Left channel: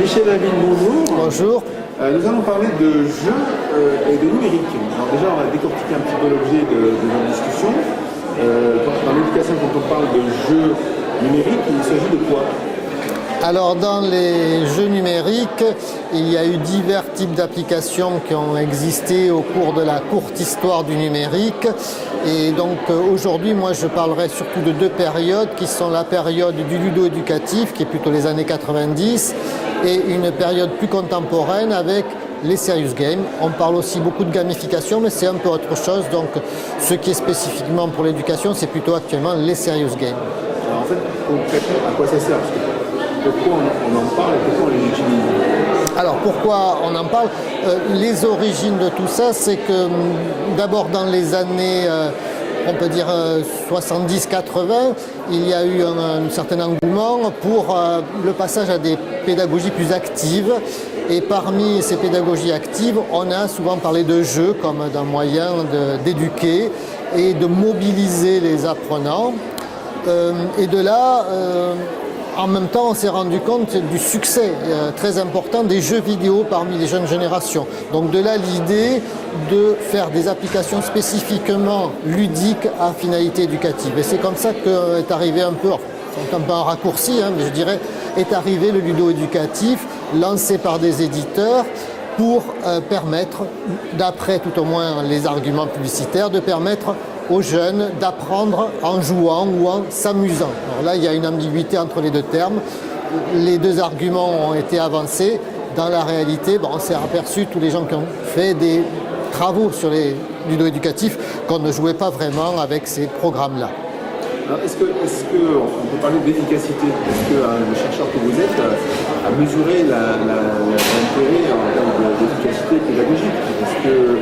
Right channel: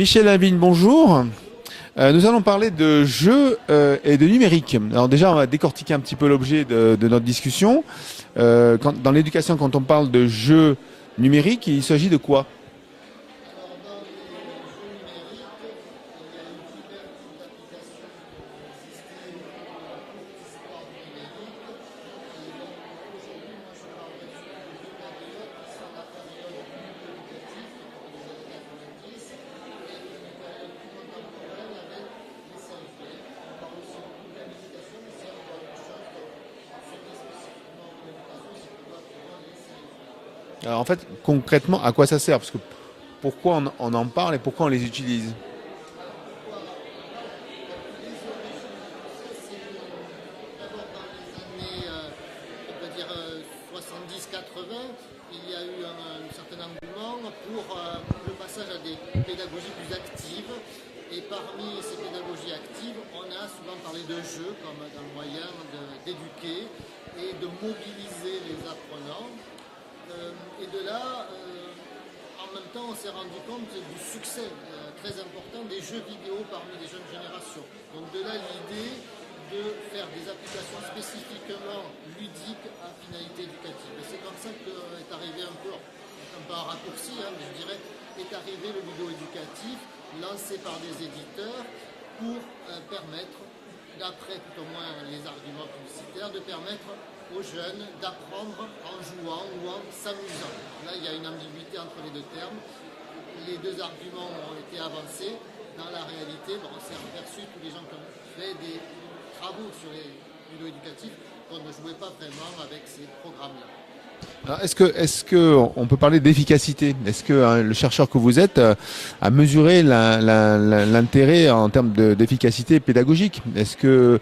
Michel Lavigne, bonjour. Bonjour. Nous allons parler de jeux et de numérique. Alors déjà, on va décortiquer un petit peu l'objet de notre discussion. Dans l'éducation, quand on parle de jeux numériques, il s'agit de quoi? Alors dans les jeux numériques, il y a eu divers types d'applications qui ont existé au cours de la courte histoire du numérique. Et donc aujourd'hui, moi je parlerai surtout de deux périodes qui sont la période du ludo-éducatif, qui est plutôt les années 90, et une période plus contemporaine avec les serious games. On parle aussi beaucoup de gamification, mais c'est un peu autre chose. Donc ce qui est spécifiquement pour l'éducation, c'est plutôt actuellement les serious games. Alors en fait, concrètement, à quoi ça sert? Parce que pourquoi on en parle et pourquoi on les utilise? Alors pourquoi on en parle? Les origines de tout ça, c'est que d'abord dans les années, on peut dire 70-80, il y a eu un certain engouement pour le passage à des pédagogies plus actives. Et parmi ces pédagogies actives, on a souvent parlé de jeux comme d'un moyen d'éduquer et de mobiliser les apprenants. Et de là, en même temps, on s'est rendu compte du succès très important des jeux vidéo parmi les jeunes générations. Donc de là, l'idée de faire des applications spécifiquement ludiques à finalité éducative. Et c'est comme ça qu'est arrivé un peu un raccourci, mais je dirais, est arrivé le ludo-éducatif, lancé par des éditeurs, pour permettre, d'après tout au moins les arguments publicitaires, de permettre aux jeunes d'apprendre en jouant ou en s'amusant. Alors là, il y a une ambiguïté entre les deux termes. Les deux arguments ont été avancés. Dans la réalité, on s'est aperçu, tous les gens qui ont fait des travaux sur les ludo-éducatifs, qu'on ne jouait pas vraiment avec ces programmes-là. Est-ce qu'on peut parler d'efficacité? Est-ce que le chercheur que vous êtes a mesuré l'intérêt en termes d'efficacité pédagogique? Est-ce que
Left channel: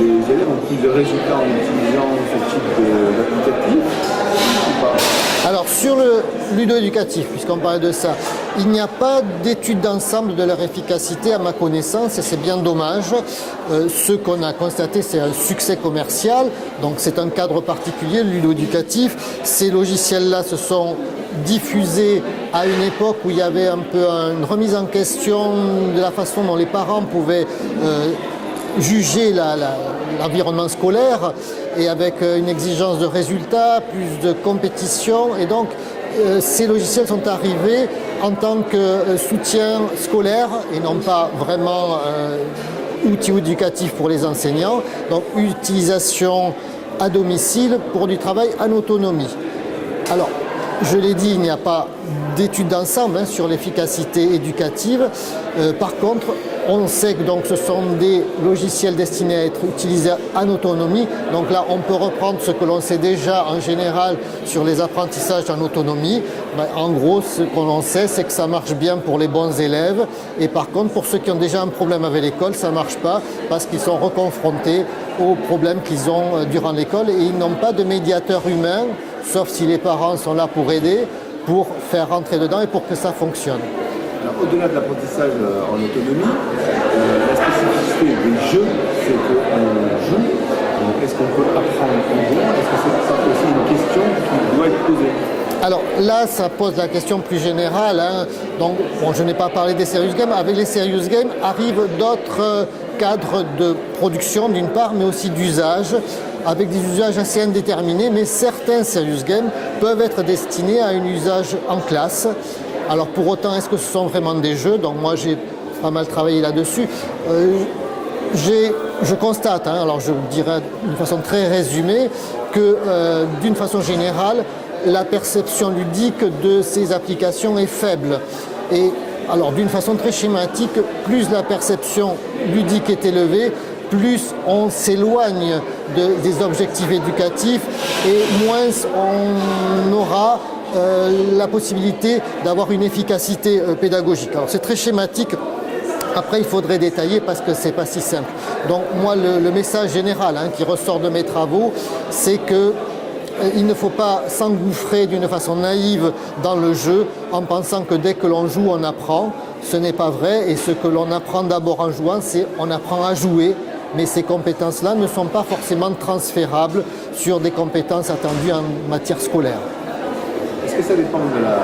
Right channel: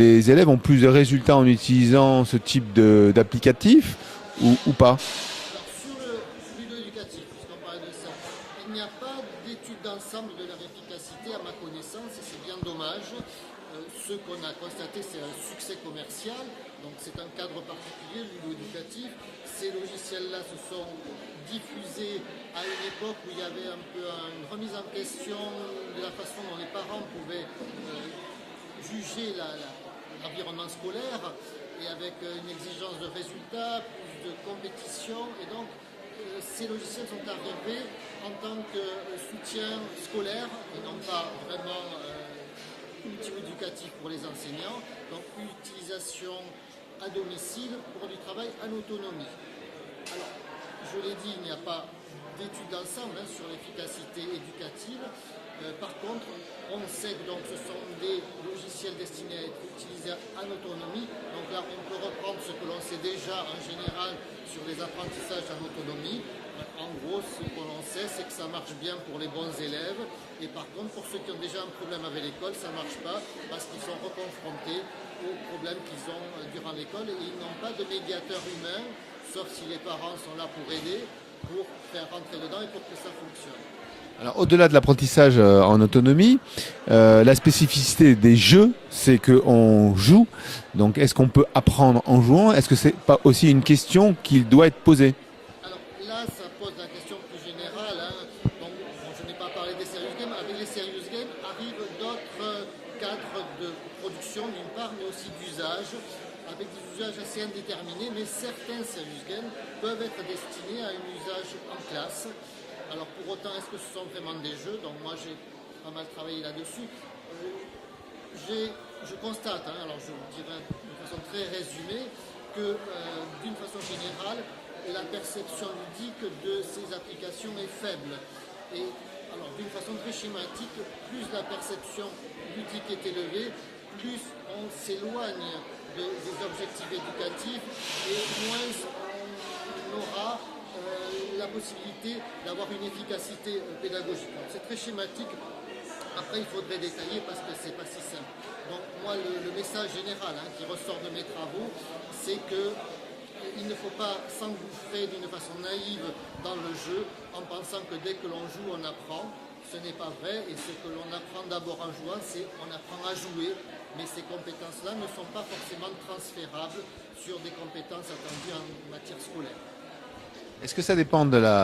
les élèves ont plus de résultats en utilisant ce type d'applicatif ou pas? Alors sur le ludo-éducatif, puisqu'on parlait de ça, il n'y a pas d'étude d'ensemble de leur efficacité à ma connaissance et c'est bien dommage. Ce qu'on a constaté, c'est un succès commercial, donc c'est un cadre particulier, le ludo-éducatif. Ces logiciels-là se sont diffusés à une époque où il y avait un peu une remise en question de la façon dont les parents pouvaient juger l'environnement scolaire, et avec une exigence de résultats, plus de compétition. Et donc, ces logiciels sont arrivés en tant que soutien scolaire et non pas vraiment outil éducatif pour les enseignants. Donc, utilisation à domicile pour du travail en autonomie. Alors, je l'ai dit, il n'y a pas d'études d'ensemble sur l'efficacité éducative. Par contre, on sait que donc, ce sont des logiciels destinés à être utilisés en autonomie. Donc là, on peut reprendre ce que l'on sait déjà en général sur les apprentissages en autonomie. En gros, ce que l'on sait, c'est que ça marche bien pour les bons élèves. Et par contre, pour ceux qui ont déjà un problème avec l'école, ça ne marche pas parce qu'ils sont reconfrontés aux problèmes qu'ils ont durant l'école et ils n'ont pas de médiateur humain, sauf si les parents sont là pour aider, pour faire rentrer dedans et pour que ça fonctionne. Au-delà de l'apprentissage en autonomie, la spécificité des jeux, c'est qu'on joue. Donc est-ce qu'on peut apprendre en jouant? Est-ce que c'est pas aussi une question qui doit être posée? Alors là, ça pose la question plus générale. Donc, je n'ai pas parlé des serious games. Avec les serious games arrivent d'autres cadres de production d'une part, mais aussi d'usage, avec des usages assez indéterminés. Mais certains serious games peuvent être destinés à un usage en classe. Alors pour autant, est-ce que ce sont vraiment des jeux? Donc moi, j'ai pas mal travaillé là-dessus. Je constate, alors je dirais d'une façon très résumée, que d'une façon générale, la perception ludique de ces applications est faible. Et alors d'une façon très schématique, plus la perception ludique est élevée, plus on s'éloigne des objectifs éducatifs et moins on aura la possibilité d'avoir une efficacité pédagogique. Alors c'est très schématique. Après, il faudrait détailler parce que c'est pas si simple. Donc moi, le message général qui ressort de mes travaux, c'est que il ne faut pas s'engouffrer d'une façon naïve dans le jeu en pensant que dès que l'on joue, on apprend. Ce n'est pas vrai et ce que l'on apprend d'abord en jouant, c'est on apprend à jouer. Mais ces compétences-là ne sont pas forcément transférables sur des compétences attendues en matière scolaire. Est-ce que ça dépend de la...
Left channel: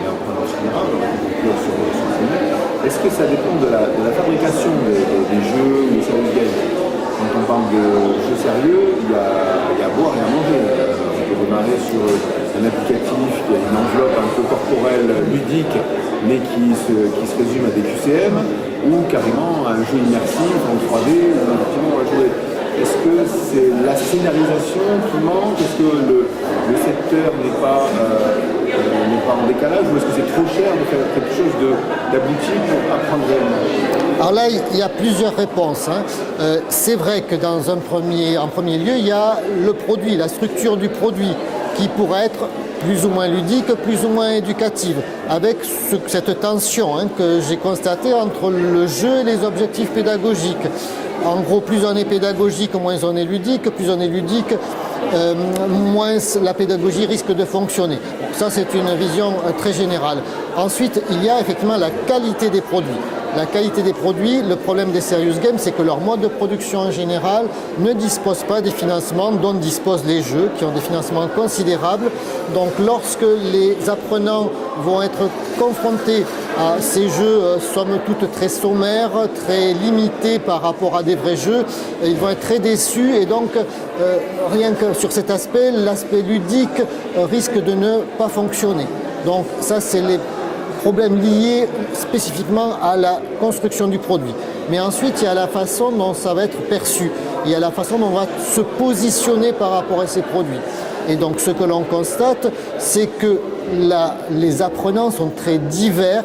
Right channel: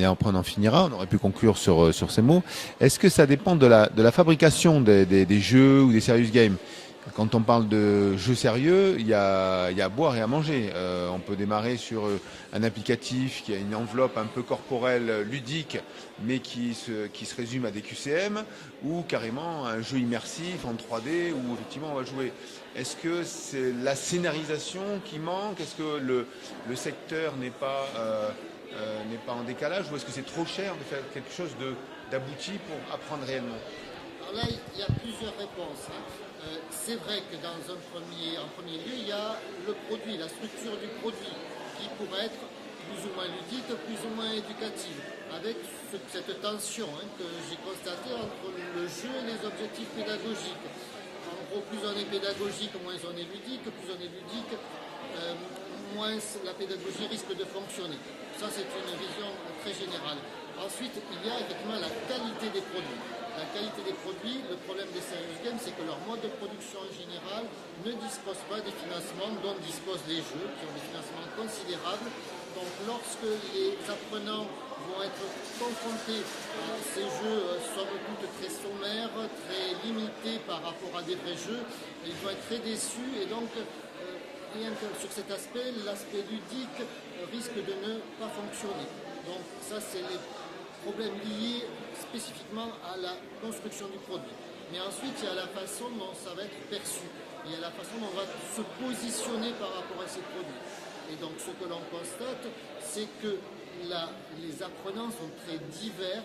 Et après on en finira, on aurait pu conclure sur ce mot. Est-ce que ça dépend de la fabrication des jeux ou des serious games? Quand on parle de jeux sérieux, il y a à boire et à manger. On peut démarrer sur un applicatif qui a une enveloppe un peu corporelle, ludique, mais qui se résume à des QCM, ou carrément un jeu immersif en 3D où effectivement on va jouer. Est-ce que c'est la scénarisation qui manque? Est-ce que le secteur n'est pas en décalage, ou est-ce que c'est trop cher de faire quelque chose d'abouti pour apprendre réellement? Alors là, il y a plusieurs réponses, hein. C'est vrai que en premier lieu, il y a le produit, la structure du produit, qui pourrait être plus ou moins ludique, plus ou moins éducative, avec cette tension, hein, que j'ai constatée entre le jeu et les objectifs pédagogiques. En gros, plus on est pédagogique, moins on est ludique, plus on est ludique, moins la pédagogie risque de fonctionner. Bon, ça, c'est une vision très générale. Ensuite, il y a effectivement la qualité des produits. La qualité des produits, le problème des serious games, c'est que leur mode de production en général ne dispose pas des financements dont disposent les jeux, qui ont des financements considérables. Donc lorsque les apprenants vont être confrontés à ces jeux, somme toute très sommaires, très limités par rapport à des vrais jeux, ils vont être très déçus, et donc rien que sur cet aspect, l'aspect ludique risque de ne pas fonctionner. Donc ça, c'est les problèmes liés spécifiquement à la construction du produit. Mais ensuite, il y a la façon dont ça va être perçu. Il y a la façon dont on va se positionner par rapport à ces produits. Et donc, ce que l'on constate, c'est que les apprenants sont très divers.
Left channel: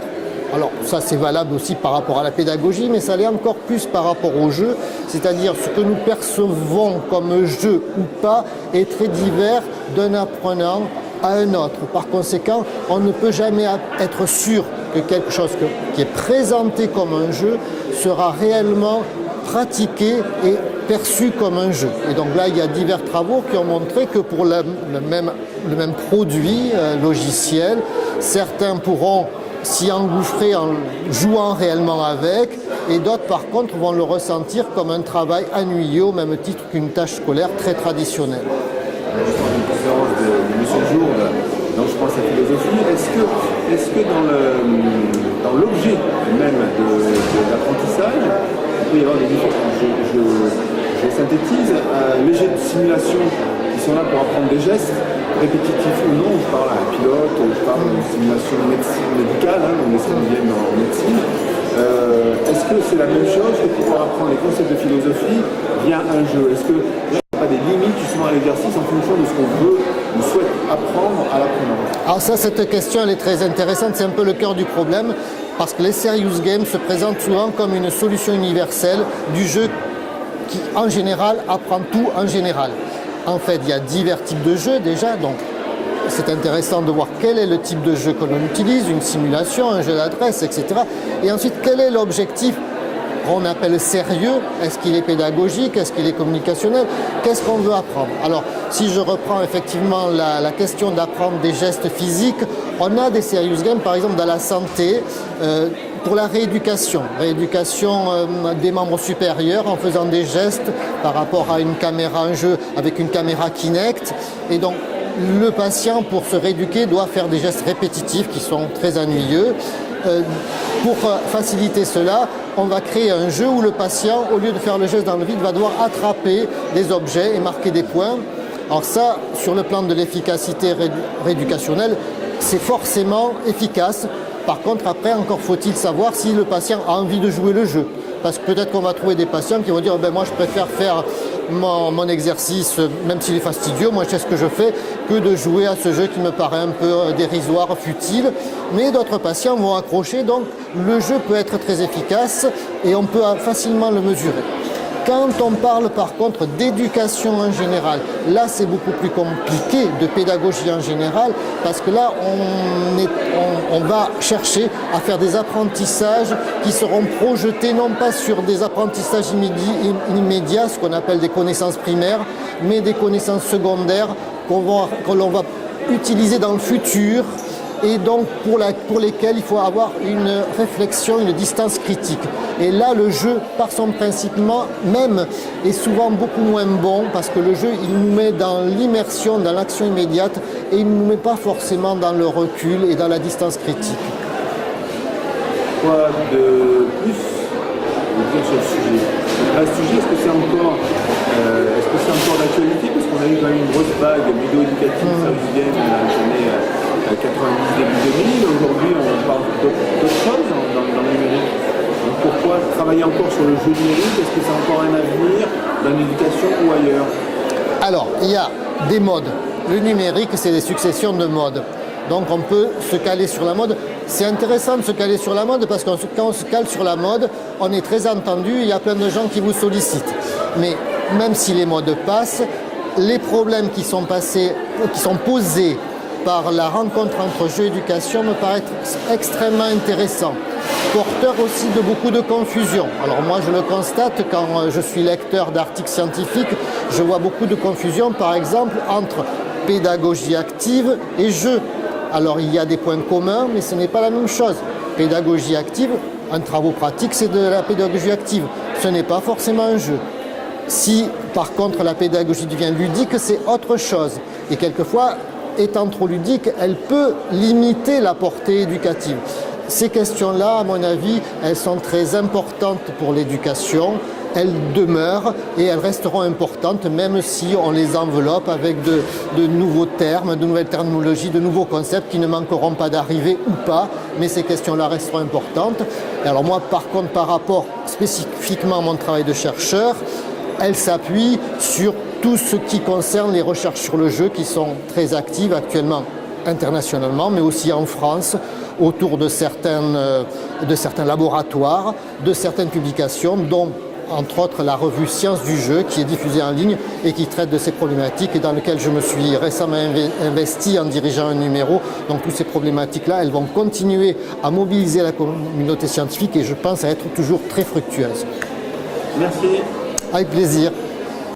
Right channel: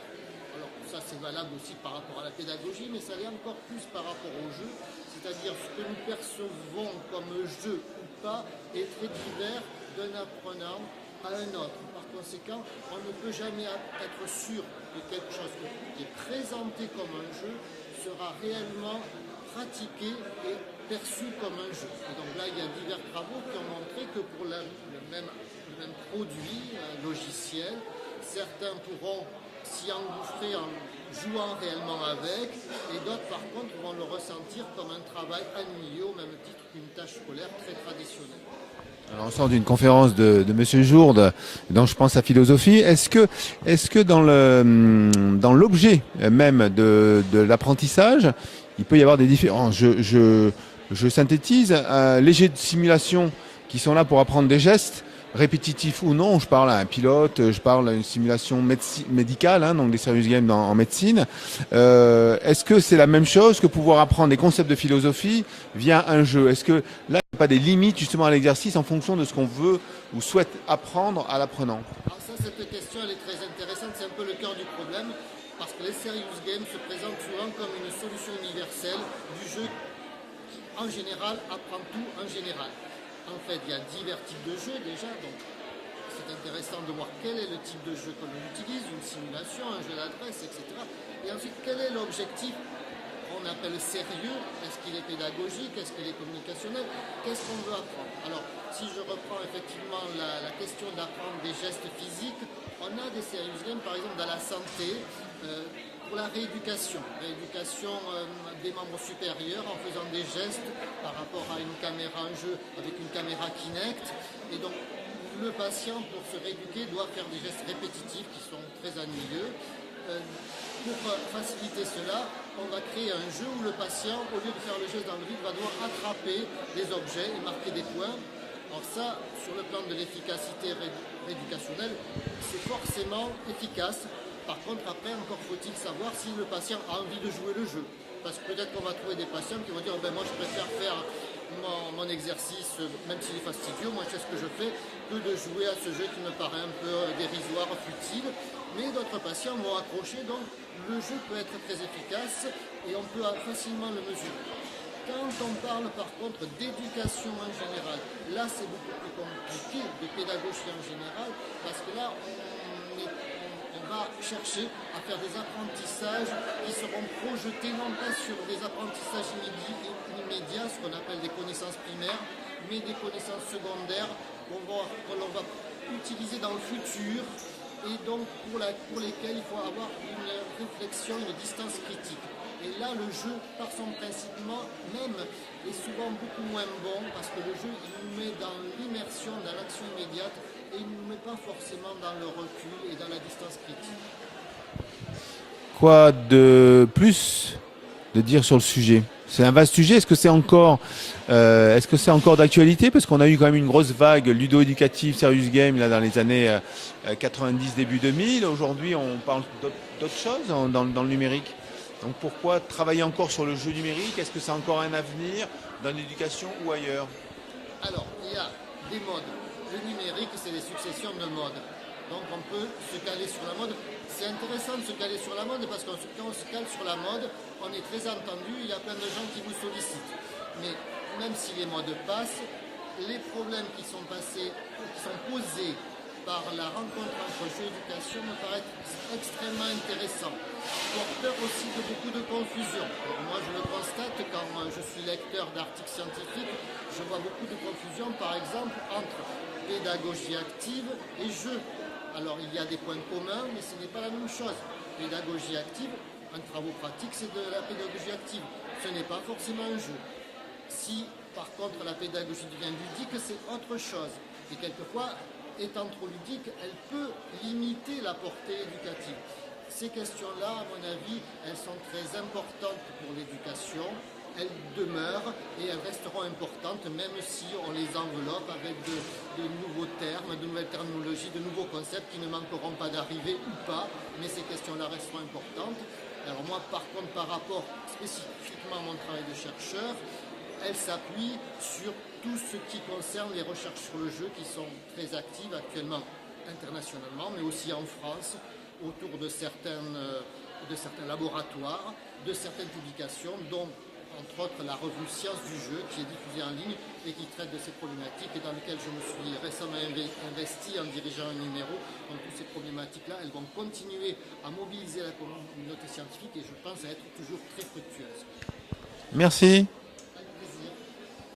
Alors, ça, c'est valable aussi par rapport à la pédagogie, mais ça l'est encore plus par rapport au jeu. C'est-à-dire, ce que nous percevons comme jeu ou pas est très divers d'un apprenant à un autre. Par conséquent, on ne peut jamais être sûr que quelque chose qui est présenté comme un jeu sera réellement pratiqué et perçu comme un jeu. Et donc là, il y a divers travaux qui ont montré que pour le même produit logiciel, certains pourront s'y engouffrer en jouant réellement avec, et d'autres par contre vont le ressentir comme un travail ennuyeux au même titre qu'une tâche scolaire très traditionnelle. Je sors d'une conférence de M. Jourde, dont je pense à philosophie. Est-ce que dans l'objet même de l'apprentissage, il peut y avoir des différences? Je synthétise, les jets de simulation qui sont là pour apprendre des gestes, répétitifs ou non, je parle à un pilote, je parle d'une simulation médicale, hein, donc des serious games en médecine. Est-ce que c'est la même chose que pouvoir apprendre les concepts de philosophie via un jeu? Est-ce que là, il n'y a pas des limites justement à l'exercice en fonction de ce qu'on veut ou souhaite apprendre à l'apprenant? Alors ça, cette question, elle est très intéressante, c'est un peu le cœur du problème, parce que les serious games se présentent souvent comme une solution universelle du jeu qui, en général, apprend tout en général. En fait, il y a divers types de jeux déjà, donc c'est intéressant de voir quel est le type de jeu que l'on utilise, une simulation, un jeu d'adresse, etc. Et ensuite, quel est l'objectif qu'on appelle sérieux? Est-ce qu'il est pédagogique? Est-ce qu'il est communicationnel? Qu'est-ce qu'on veut apprendre? Alors, si je reprends effectivement la question d'apprendre des gestes physiques, on a des serious games, par exemple, dans la santé, pour la rééducation des membres supérieurs en faisant des gestes par rapport à une caméra, un jeu avec une caméra Kinect. Et donc, le patient, pour se rééduquer, doit faire des gestes répétitifs qui sont très ennuyeux. Pour faciliter cela, on va créer un jeu où le patient, au lieu de faire le geste dans le vide, va devoir attraper des objets et marquer des points. Alors ça, sur le plan de l'efficacité rééducationnelle, c'est forcément efficace. Par contre, après, encore faut-il savoir si le patient a envie de jouer le jeu. Parce que peut-être qu'on va trouver des patients qui vont dire moi je préfère faire mon exercice, même s'il est fastidieux, moi je sais ce que je fais, que de jouer à ce jeu qui me paraît un peu dérisoire, futile. Mais d'autres patients vont accrocher, donc le jeu peut être très efficace et on peut facilement le mesurer. Quand on parle par contre d'éducation en général, là c'est beaucoup plus compliqué, de pédagogie en général, parce que là on va chercher à faire des apprentissages qui seront projetés non pas sur des apprentissages immédiats, ce qu'on appelle des connaissances primaires, mais des connaissances secondaires que l'on va utiliser dans le futur, et donc pour lesquels il faut avoir une réflexion, une distance critique. Et là, le jeu, par son principe même, est souvent beaucoup moins bon, parce que le jeu, il nous met dans l'immersion, dans l'action immédiate, et il ne nous met pas forcément dans le recul et dans la distance critique. quoi de plus de dire sur le sujet? C'est un vaste sujet. Est-ce que c'est encore d'actualité? Parce qu'on a eu quand même une grosse vague ludo-éducative, serious game dans les années 90, début 2000. Aujourd'hui, on parle d'autres choses dans le numérique. Donc pourquoi travailler encore sur le jeu numérique? Est-ce que c'est encore un avenir dans l'éducation ou ailleurs? Alors, il y a des modes. Le numérique, c'est des successions de modes. Donc on peut se caler sur la mode. C'est intéressant de se caler sur la mode parce que quand on se cale sur la mode, on est très entendu, il y a plein de gens qui vous sollicitent. Mais même si les modes passent, les problèmes qui sont posés par la rencontre entre jeu et éducation me paraissent extrêmement intéressants. Porteur aussi de beaucoup de confusion. Alors moi je le constate quand je suis lecteur d'articles scientifiques, je vois beaucoup de confusion par exemple entre pédagogie active et jeu. Alors il y a des points communs, mais ce n'est pas la même chose. Pédagogie active, un travail pratique, c'est de la pédagogie active. Ce n'est pas forcément un jeu. Si par contre la pédagogie devient ludique, c'est autre chose. Et quelquefois, étant trop ludique, elle peut limiter la portée éducative. Ces questions-là, à mon avis, elles sont très importantes pour l'éducation. Elles demeurent et elles resteront importantes même si on les enveloppe avec de nouveaux termes, de nouvelles terminologies, de nouveaux concepts qui ne manqueront pas d'arriver ou pas, mais ces questions-là resteront importantes. Et alors moi, par contre, par rapport spécifiquement à mon travail de chercheur, elle s'appuie sur tout ce qui concerne les recherches sur le jeu qui sont très actives actuellement internationalement, mais aussi en France, autour de certains laboratoires, de certaines publications, dont entre autres la revue Sciences du jeu qui est diffusée en ligne et qui traite de ces problématiques et dans lequel je me suis récemment investi en dirigeant un numéro. Donc toutes ces problématiques-là, elles vont continuer à mobiliser la communauté scientifique et je pense à être toujours très fructueuses. Merci. Avec plaisir.